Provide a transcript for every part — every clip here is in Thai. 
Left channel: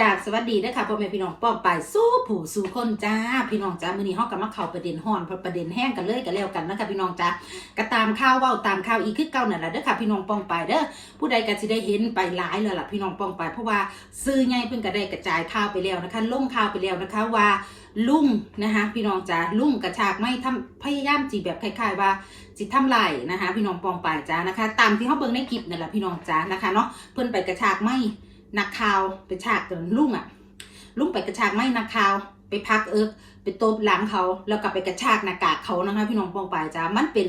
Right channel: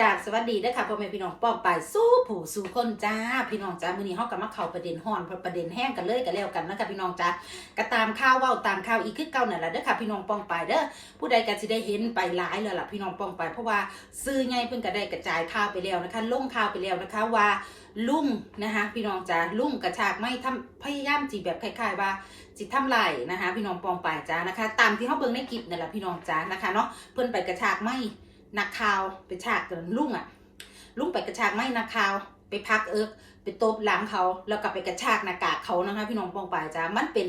กาบสวัสดีนะคะพ่อแม่พี่น้องป้องไปสู้ผู้สู้คนจ้า พี่น้องจ้ามื้อนี้เฮาก็มาเขาประเด็นฮ้อนประเด็นแห้งกันเลยกันแล้วกันนะคะพี่น้องจ้าก็ตามข่าวเว้าตามข่าวอีกคือเก่านั่นแหละเด้อค่ะพี่น้องป้องไปเด้อผู้ใดก็สิได้เห็นไปหลายแล้วล่ะพี่น้องป้องไป เพราะว่าซื้อใหญ่เพิ่นก็ได้กระจายข่าวไปแล้วนะคะลงข่าวไปแล้วนะคะว่าลุงนะคะพี่น้องจ้าลุงกระชากไม่ทำพยายามจีแบบคล้ายๆว่าจิตทำลายนะคะ พี่น้องปองไปจ้านะคะ ตามที่เขาเบิ่งในคลิปนั่นแหละพี่น้องจ้านะคะเนาะเพิ่นไปกระชากไม่ นักข่าวไปฉากกันลุงอะลุงไปกระชากไม่นักข่าวไปพักเอิกไปตบหลังเขา แล้วก็ไปกระชากหน้ากากเขานะคะ พี่น้องปองปายจ้ามันเป็น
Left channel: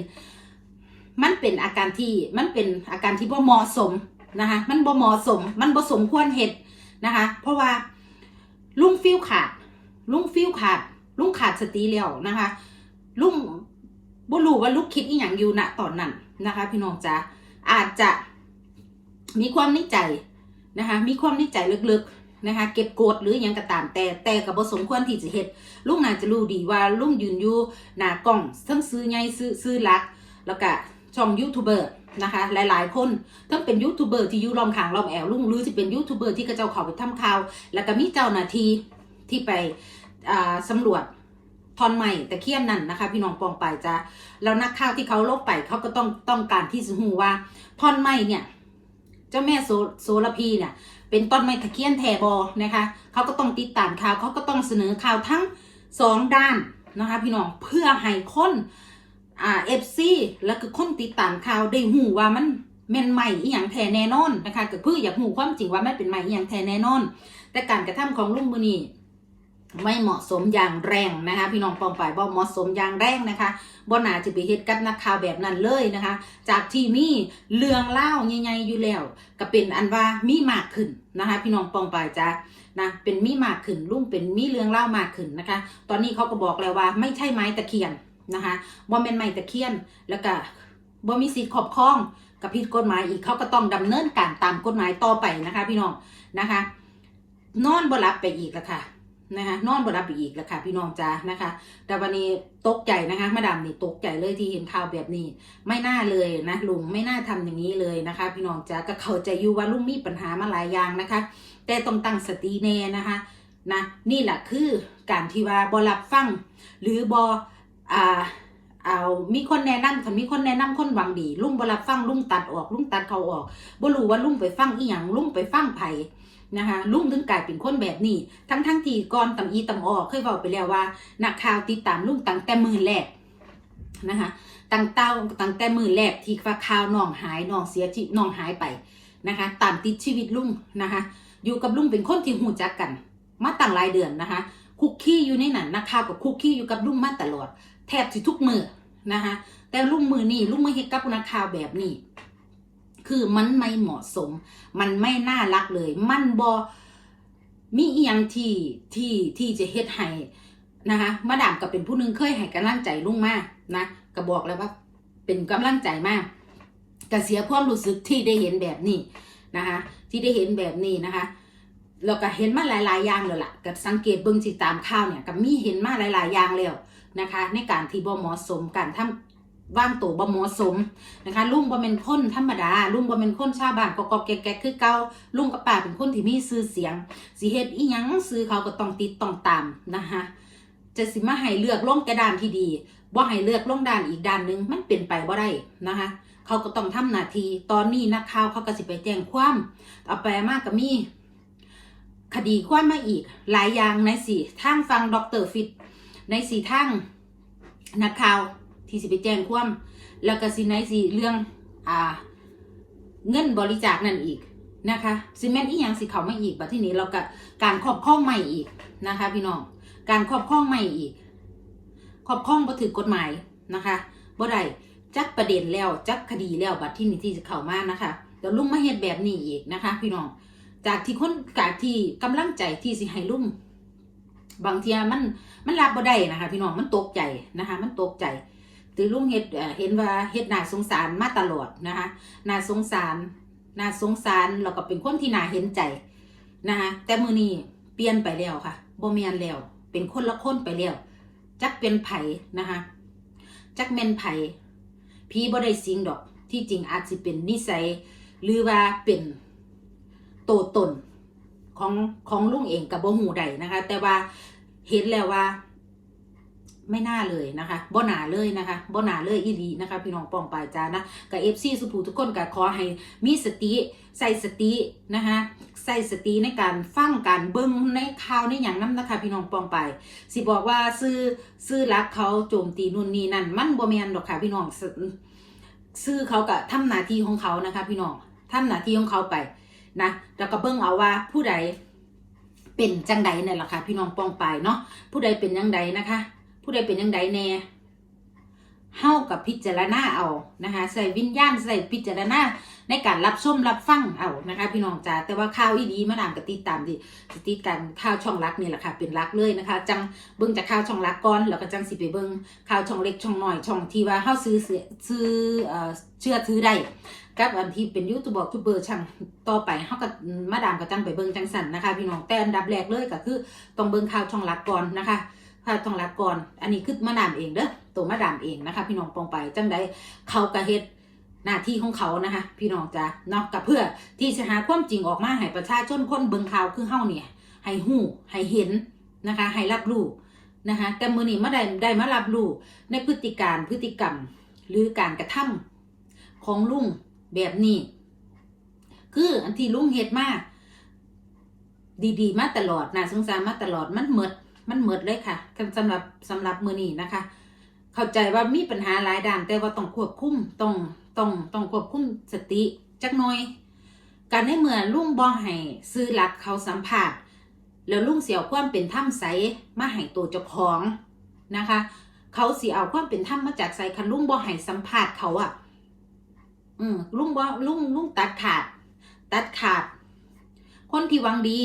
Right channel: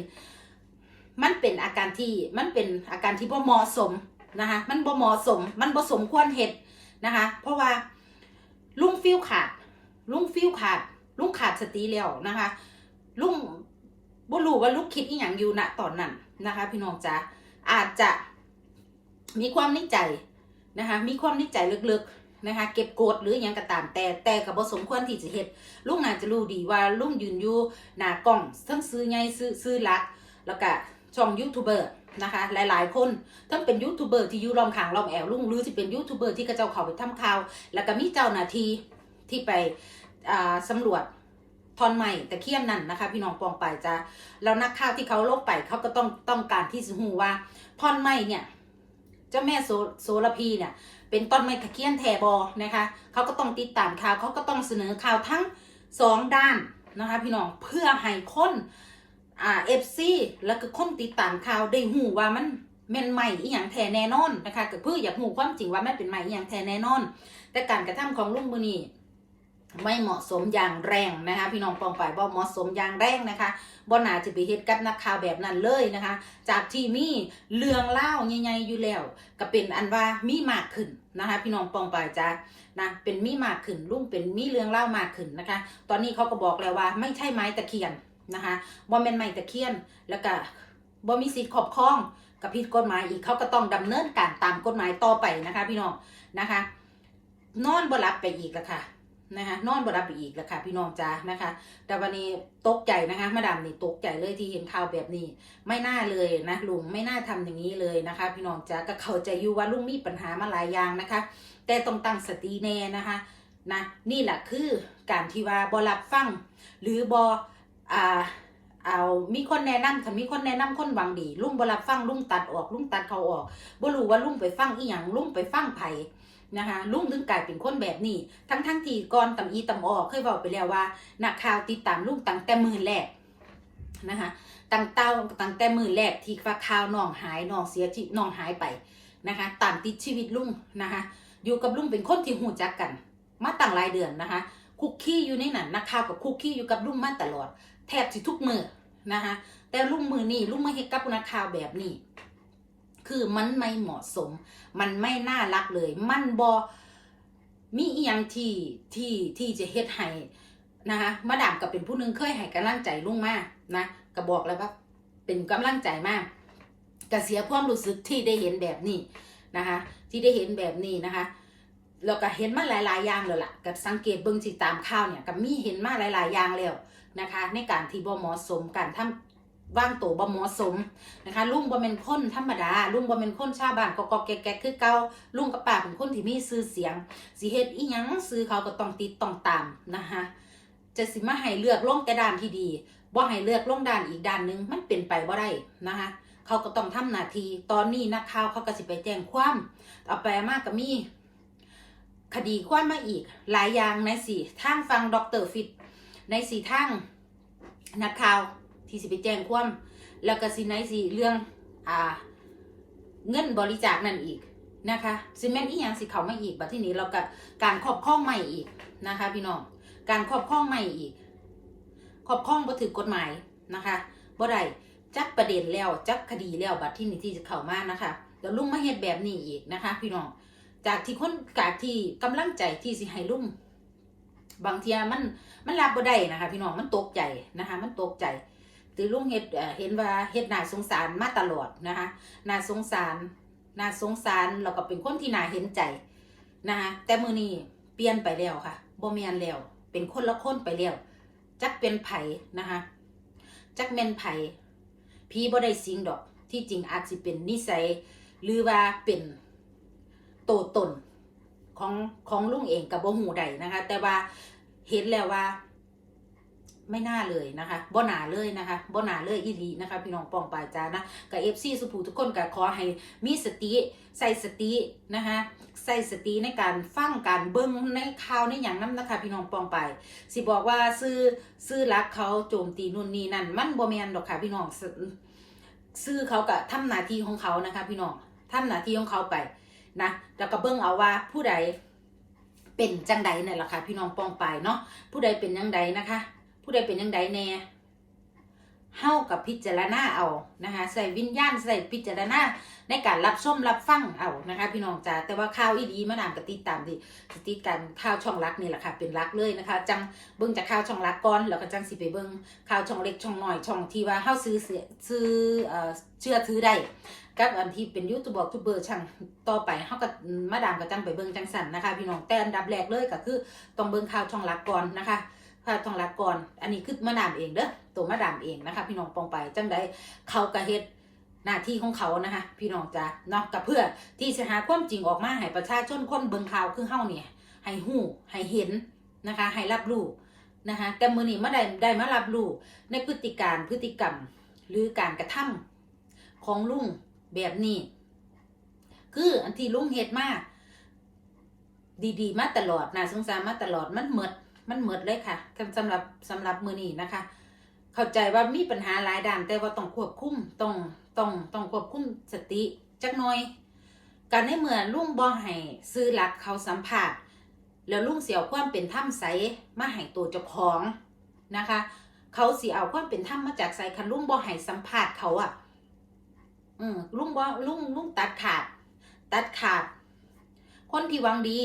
มันเป็นอาการที่มันเป็นอาการที่บ่เหมาะสมนะคะมันบ่เหมาะสม มันบ่สมควรเหตุนะคะ เพราะว่าลุงฟิลขาด ลุงฟิลขาด ลุงขาดสติแล้วนะคะ ลุงบ่รู้ว่าลูกคิดอีหยังอยู่ณตอนนั้นนะคะ พี่น้องจ๋าอาจจะมีความในใจ นะคะมีความในใจลึกๆนะคะเก็บโกดหรืออหยังก็ตามแต่แต่กับบสมควรที่จะเฮ็ดลุงน่าจะรู้ดีว่าลุงยืนอยู่หน้ากล้องทั้งซื้อใหญ่ซื้อซื้อลัก แล้วก็ช่องยูทูบเบอร์นะคะหลายๆ คนทั้งเป็นยูทูบเบอร์ที่ยู่รอมขางรอมแอวลุงหรือที่เป็นยูทูบเบอร์ที่กระเจ้าเขาไปทำข่าว แล้วก็มีเจ้าหน้าที่ที่ไปอ่าสำรวจทอนใหม่ตะเคียนนั่นนะคะ พี่น้องปองไปจ้าแล้วนักข่าวที่เขาลบไปเขาก็ต้องต้องการที่จะหูว่าทอนใหม่เนี่ย เจ้าแม่โซโซลพีเนี่ย เป็นต้นไม้ตะเคียนแทบอนะคะเขาก็ต้องติดตามข่าวเขาก็ต้องเสนอข่าวทั้งสองด้านนะคะพี่น้องเพื่อให้คนอ่าเอฟซีแล้วก็คนติดตามข่าวได้หูว่ามันแม่นใหม่อีหยังแทแน่นอนนะคะก็เพื่ออยากหูความจริงว่ามันเป็นใหม่อีหยังแทแน่นอน แต่การกระทำของลุงมือนี่ ไม่เหมาะสมอย่างแรงนะคะพี่น้องปองไปบ่เหมาะสมอย่างแรงนะคะบ่น่าจะไปเฮ็ดกับนักข่าวแบบนั้นเลยนะคะ จากที่มีเรื่องเล่าใหญ่ๆอยู่แล้ว ก็เป็นอันว่ามีมากขึ้นนะคะ พี่น้องปองไปจ้านะเป็นมีมากขึ้นลุงเป็นมีเรื่องเล่ามากขึ้นนะคะ ตอนนี้เขาก็บอกแล้วว่า ไม่ใช่ไม้ตะเคียนนะคะบ่เป็นไม้ตะเคียนแล้วก็บ่มีสิทธิ์ครอบครองกับผิดกฎหมายอีกเขาก็ต้องดำเนินการตามกฎหมายต่อไปนะคะ พี่น้องนะคะ นอนบ่รับไปอีกล้วค่ะ นะคะนอนบ่รับอีกแล้วค่ะ พี่น้องจ้านะคะ แต่วันนี้ตกใจนะคะมาดามนี่ตกใจเลยที่เห็นข่าวแบบนี้ ไม่น่าเลยนะลุงไม่น่าทำอย่างนี้เลยนะคะ พี่น้องจ้าก็เข้าใจอยู่ว่าลุงมีปัญหามาหลายอย่างนะคะ แต่ต้องตั้งสติแน่นะคะนะนี่แหละคือการที่ว่าบอรับฟังหรือบออ่าเอามีคนแนะนำถ้ามีคนแนะนำคนหวังดี ลุงบรับฟังลุงตัดออกลุงตัดเขาออกบ่รู้ว่าลุงไปฟังอีหยังลุงไปฟังไผ นะคะลุงถึงกลายเป็นคนแบบนี้ ทั้งทั้งที่ก่อนตำอีตำออกเคยบอกไปแล้วว่านักข่าวติดตามลุงตั้งแต่มือแรกนะคะตั้งเต้าตั้งแต่มือแรกที่ว่าข่าวน้องหายน้องเสียชีน้องหายไปนะคะตามติดชีวิตลุงนะคะ อยู่กับลุงเป็นคนที่หูจักกัน มาตั้งหลายเดือนนะคะ คุกคี้อยู่ในนั้นนักข่าวกับคุกคี้อยู่กับลุงมาตลอด แทบสิทุกมือนะคะแต่ลุงมือนี่ลุงไมาเฮ็ดกับนักข่าวแบบนี้ คือมันไม่เหมาะสม มันไม่น่ารักเลย มันบอมีอีหยังที่ที่ที่จะเฮ็ดให้นะคะมาดามก็เป็นผู้นึงเคยให้กำลังใจลุงมากนะก็บอกแล้วว่าเป็นกำลังใจมากก็เสียความรู้สึกที่ได้เห็นแบบนี้นะคะ ที่ได้เห็นแบบนี้นะคะเราก็เห็นมาหลาย ๆ อย่างแล้วล่ะก็สังเกตเบิ่งสิตามข่าวเนี่ยก็มีเห็นมาหลาย ๆ อย่างแล้วนะคะ ในการที่บ่เหมาะสมการทำ ว่างตัวบ่เหมาะสมนะคะลุงบ่เป็นคนธรรมดาลุงบ่เป็นคนชาวบ้านก็ก็แก่ๆคือเก่าลุงกับป้าเป็นคนที่มีชื่อเสียงสิเฮ็ดอีหยังซื้อเขาก็ต้องติดต้องตามนะคะจะสิมาให้เลือกลงแต่ด้านที่ดีบ่ให้เลือกลงด้านอีกด้านหนึงมันเป็นไปบ่ได้นะคะเขาก็ต้องทำหน้าที่ตอนนี้นักข่าวเขาก็สิไปแจ้งความเอาไปมากก็มีคดีความมาอีก หลายอย่างในสี่ทางฟังดรฟิตในสี่ทางนักข่าว ที่สิไปแจ้งความแล้วก็สิในสี่เรื่องอ่า เงินบริจาคนั่นอีกนะคะซิแมนต์อีหยังสิเขาไมาอีกบัดที่นี้เราก็การครอบครองใหม่อีกนะคะ พี่น้องการครอบครองใหม่อีกครอบครองบ่ถือกฎหมายนะคะบ่ได้จักประเด็นแล้วจักคดีแล้วบัดที่นี้ที่จะเข้ามานะคะแล้วลุงมาเฮ็ดแบบนี้อีกนะคะ พี่น้องจากที่คนจากที่กำลังใจที่สิให้ลุงบางเทียมันมันรับบ่ได้นะคะ พี่น้องมันตกใจนะคะ มันตกใจ ตือลุงเฮ็ดเห็นว่าเฮ็ดนาสงสารมาตลอดนะคะนาสงสารนาสงสารแล้วก็เป็นคนที่นาเห็นใจนะคะแต่มือนี้เปลี่ยนไปแล้วค่ะโบ่แม่นแล้ว เป็นคนละคนไปแล้วจักเป็นไผ่นะคะจักแม่นไผ่พี่บ่ได้สิงดอก ที่จริงอาจสิเป็นนิสัย หรือว่าเป็นโตตนของของลุงเองกับโบหูใดนะคะ แต่ว่าเห็นแล้วว่า ไม่น่าเลยนะคะบ่หนาเลยนะคะบ่หนาเลยอีหลีนะคะ พี่น้องปองปายจ้านะกับเอฟซีสุภูทุกคนก็ขอให้มีสติใส่สตินะคะใส่สติในการฟังการเบิ้งในข่าวในอย่างนั้นนะคะ พี่น้องปองไป สิบอกว่าซื้อซื้อรักเขาโจมตีนู่นนี่นั่นมันบ่แมนดอกค่ะ พี่น้องซื้อเขาก็ทำหน้าที่ของเขานะคะ พี่น้องทำหน้าที่ของเขาไปนะแล้วก็เบิ้งเอาว่าผู้ใดเป็นจังใดนี่นแหละค่ะ พี่น้องปองไปเนาะผู้ใดเป็นยังใดนะคะ ผู้ใดเป็นยังใดแน่เฮากับพิจารณาเอานะคะใส่วิญญาณใส่พิจารณาในการรับชมรับฟังเอานะคะ พี่น้องจ๋าแต่ว่าข่าวอีดีมาดามกติดตามดิติดตามข่าวช่องรักนี่แหละค่ะเป็นรักเลยนะคะ จังเบิ่งจากข่าวช่องรักก่อนแล้วก็จังสิไปเบิ่งข่าวช่องเล็กช่องหน้อยช่องที่ว่าเฮาซื้อซื้อเชื่อถือได้กับอันที่เป็นยูทูบบอกทูเบอร์ช่างต่อไปเฮาก็มาดามก็จังไปเบิ่งจังสันนะคะ พี่น้องแต่อันดับแรกเลยก็คือต้องเบิ่งข่าวช่องรักก่อนนะคะ ข่าวช่องรักก่อน อันนี้คือมาดามเองเด้อตัวมาดามเองนะคะ พี่น้องปองไปจังใดเขากระเฮ็ดหน้าที่ของเขานะคะ พี่น้องจ้ะเนาะกับเพื่อที่จะหาความจริงออกมาให้ประชาชนคนเบิงข่าวคือเฮาเนี่ย ให้หู้ให้เห็นนะคะให้รับรู้นะคะแต่มือนี้มาได้ได้มารับรู้ในพฤติการพฤติกรรมหรือการกระทำของลุงแบบนี้ คืออันที่ลุงเฮ็ดมากดีๆ มาตลอดน่าสงสารมาตลอดมันเหมด มันเหมดเลยค่ะสำหรับสำหรับมือนี้นะคะ เข้าใจว่ามีปัญหาหลายด้านแต่ว่าต้องควบคุมต้องต้องต้องควบคุมสติจักหน่อย การในเมื่อลุงบ่ให้ซื้อหลักเขาสัมผัสแล้วลุงเสียความเป็นถ้ำใสมาให้ตัวเจ้าของนะคะ เขาเสิเอาความเป็นถ้ำมาจากใสคันลุงบ่ให้สัมผัสเขาอะอืมลุงบ่ลุงลุงตัดขาด ตัดขาด คนที่วังดี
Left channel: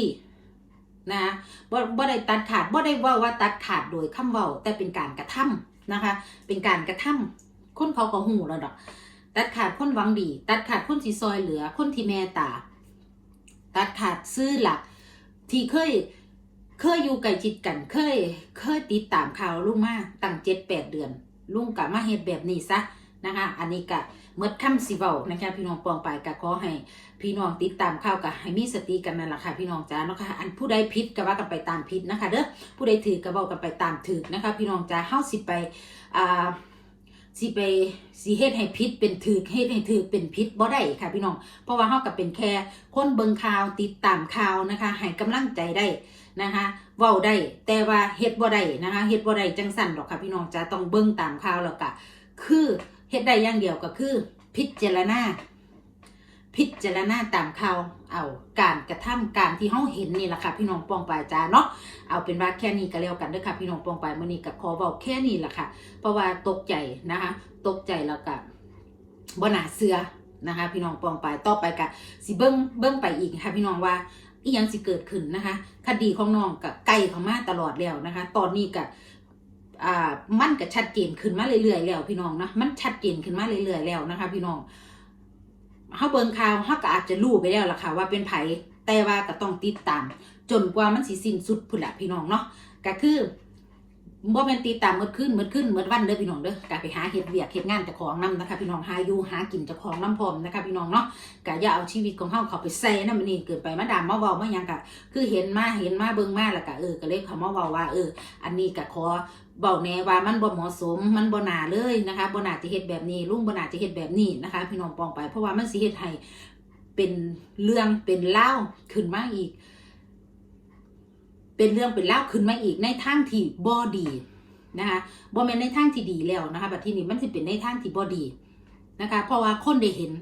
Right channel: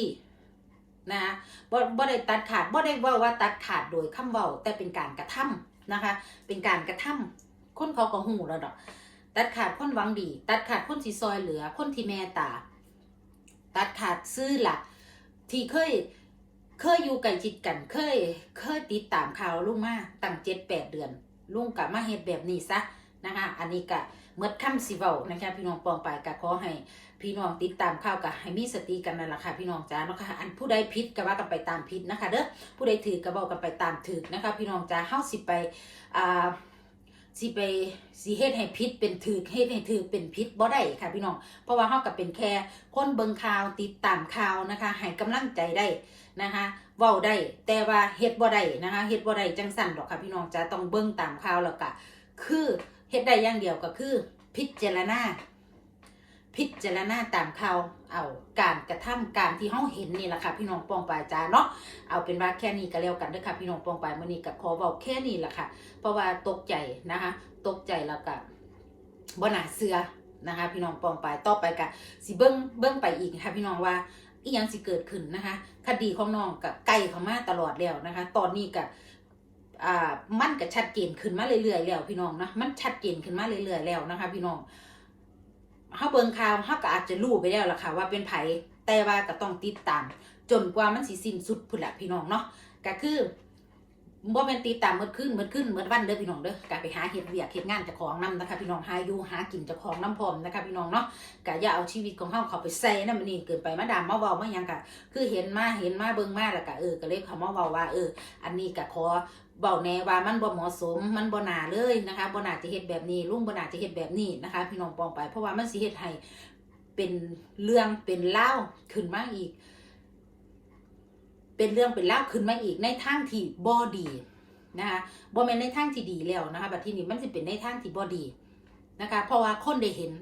นะบ่บ่ได้ตัดขาดบ่ได้ว่าว่าตัดขาดโดยคำเว้าแต่เป็นการกระทำนะคะ เป็นการกระทำคนเขาก็หูแล้วดอก ตัดขาดคนหวังดี ตัดขาดคนที่ซอยเหลือ คนที่แม่ตา ตัดขาดซื้อหลัก ที่เคยเคยอยู่ใกล้ชิดกันเคย เคยติดตามข่าวลุงมาตั้งเจ็ดแปดเดือน ลุงกะมาเฮ็ดแบบนี้ซะนะคะ อันนี้กะ เมื่อคำสิเวานะคะพี่น้องปองไปกะขอให้พี่น้องติดตามข่าวกับให้มีสติกันนั่นแหละค่ะพี่น้องจ้าเนาะค่ะอันผู้ใดผิดก็ว่ากันไปตามผิดนะคะเด้อผู้ใดถือก็เว้ากันไปตามถือนะคะ พี่น้องจ้าเฮาสิไปอ่าสิไปสิเฮ็ดให้ผิดเป็นถือเฮ็ดให้ถือเป็นผิดบ่ได้ค่ะพี่น้อง เพราะว่าเฮาก็เป็นแค่คนเบิ่งข่าวติดตามข่าวนะคะให้กำลังใจได้นะคะเว้าได้แต่ว่าเฮ็ดบ่ได้นะคะเฮ็ดบ่ได้จังสั่นดอกค่ะพี่น้องจ้าต้องเบิ่งตามข่าวแล้วก็คือ เฮ็ดได้อย่างเดียวก็คือ พิจารณาพิจารณาตามข่าวเอาการกระทำการที่เฮาเห็นนี่แหละค่ะพี่น้องปองปายจ้าเนาะเอาเป็นว่าแค่นี้ก็แล้วกันเด้อค่ะพี่น้องปองปายมื้อนี้ก็ขอเว้าแค่นี้แหละค่ะ เพราะว่าตกใจนะคะ ตกใจแล้วก็บ่น่าเชื่อนะคะ พี่น้องปองปายต่อไปก็สิเบิ่งเบิ่งไปอีกค่ะ พี่น้องว่าอีหยังสิเกิดขึ้นนะคะ คดีของน้องก็ใกล้เข้ามาตลอดแล้วนะคะ ตอนนี้ก็ อ่ามันก็ชัดเจนขึ้นมาเรื่อยๆแล้วพี่น้องนะมันชัดเจนขึ้นมาเรื่อยๆแล้วนะคะ พี่น้องเฮาเบิ่งข่าวเฮาก็อาจจะรู้ไปแล้วล่ะค่ะว่าเป็นไผแต่ว่าก็ต้องติดตาม จนกว่ามันสิสิ้นสุดพุ่นละพี่น้องเนาะก็คือบ่แม่นติดตามเมื่อคืนเมื่อคืนเมื่อวันเด้อพี่น้องเด้อก็ไปหาเฮ็ดเวียกเฮ็ดงานเจ้าของนํนะคะ พี่น้องหาอยู่หากินเจ้าของนํพร้อมนะคะ พี่น้องเนาะก็อย่าเอาชีวิตของเฮาเขาไปใส่นำมันนี่เกินไปมาดามมาเว้ามาหยังก็คือเห็นมาเห็นมาเบิ่งมาแล้วก็เออก็เลยเขามาเว้าว่าเออ อันนี้ก็ขอ เบาแน่ว่ามันบ่เหมาะสมมันบ่นาเลยนะคะบ่นาจะเฮ็ดแบบนี้ลุงบ่นาจะเฮ็ดแบบนี้นะคะ พี่น้องปองไป เพราะว่ามันสิเฮ็ดให้เป็นเรื่องเป็นเล่าขึ้นมาอีก เป็นเรื่องเป็นเล่าขึ้นมาอีกในทางที่บ่ดีนะคะบ่แม่นในทางที่ดีแล้วนะคะบัดที่นี้มันสิเป็นในทางที่บ่ดีนะคะ เพราะว่าคนได้เห็น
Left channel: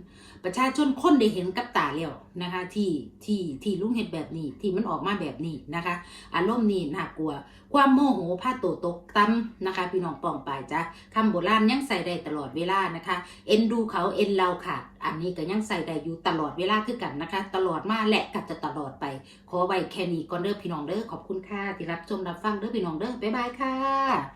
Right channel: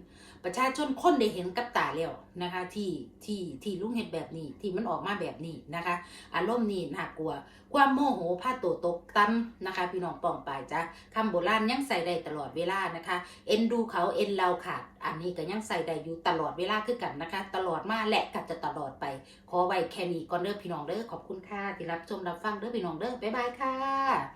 ประชาชนคนได้เห็นกับตาแล้วนะคะ ที่ที่ที่ลุงเฮ็ดแบบนี้ที่มันออกมาแบบนี้นะคะ อารมณ์นี้น่ากลัว ความโมโหผ้าโตตกตั้มนะคะ พี่น้องปองไปจ้ะคำโบราณยังใส่ได้ตลอดเวลานะคะ เอ็นดูเขาเอ็นเราขาดอันนี้ก็ยังใส่ได้อยู่ตลอดเวลาคือกันนะคะ ตลอดมาและก็จะตลอดไป ขอไว้แค่นี้ก่อนเด้อพี่น้องเด้อขอบคุณค่ะที่รับชมรับฟังเด้อพี่น้องเด้อบ๊ายบายค่ะ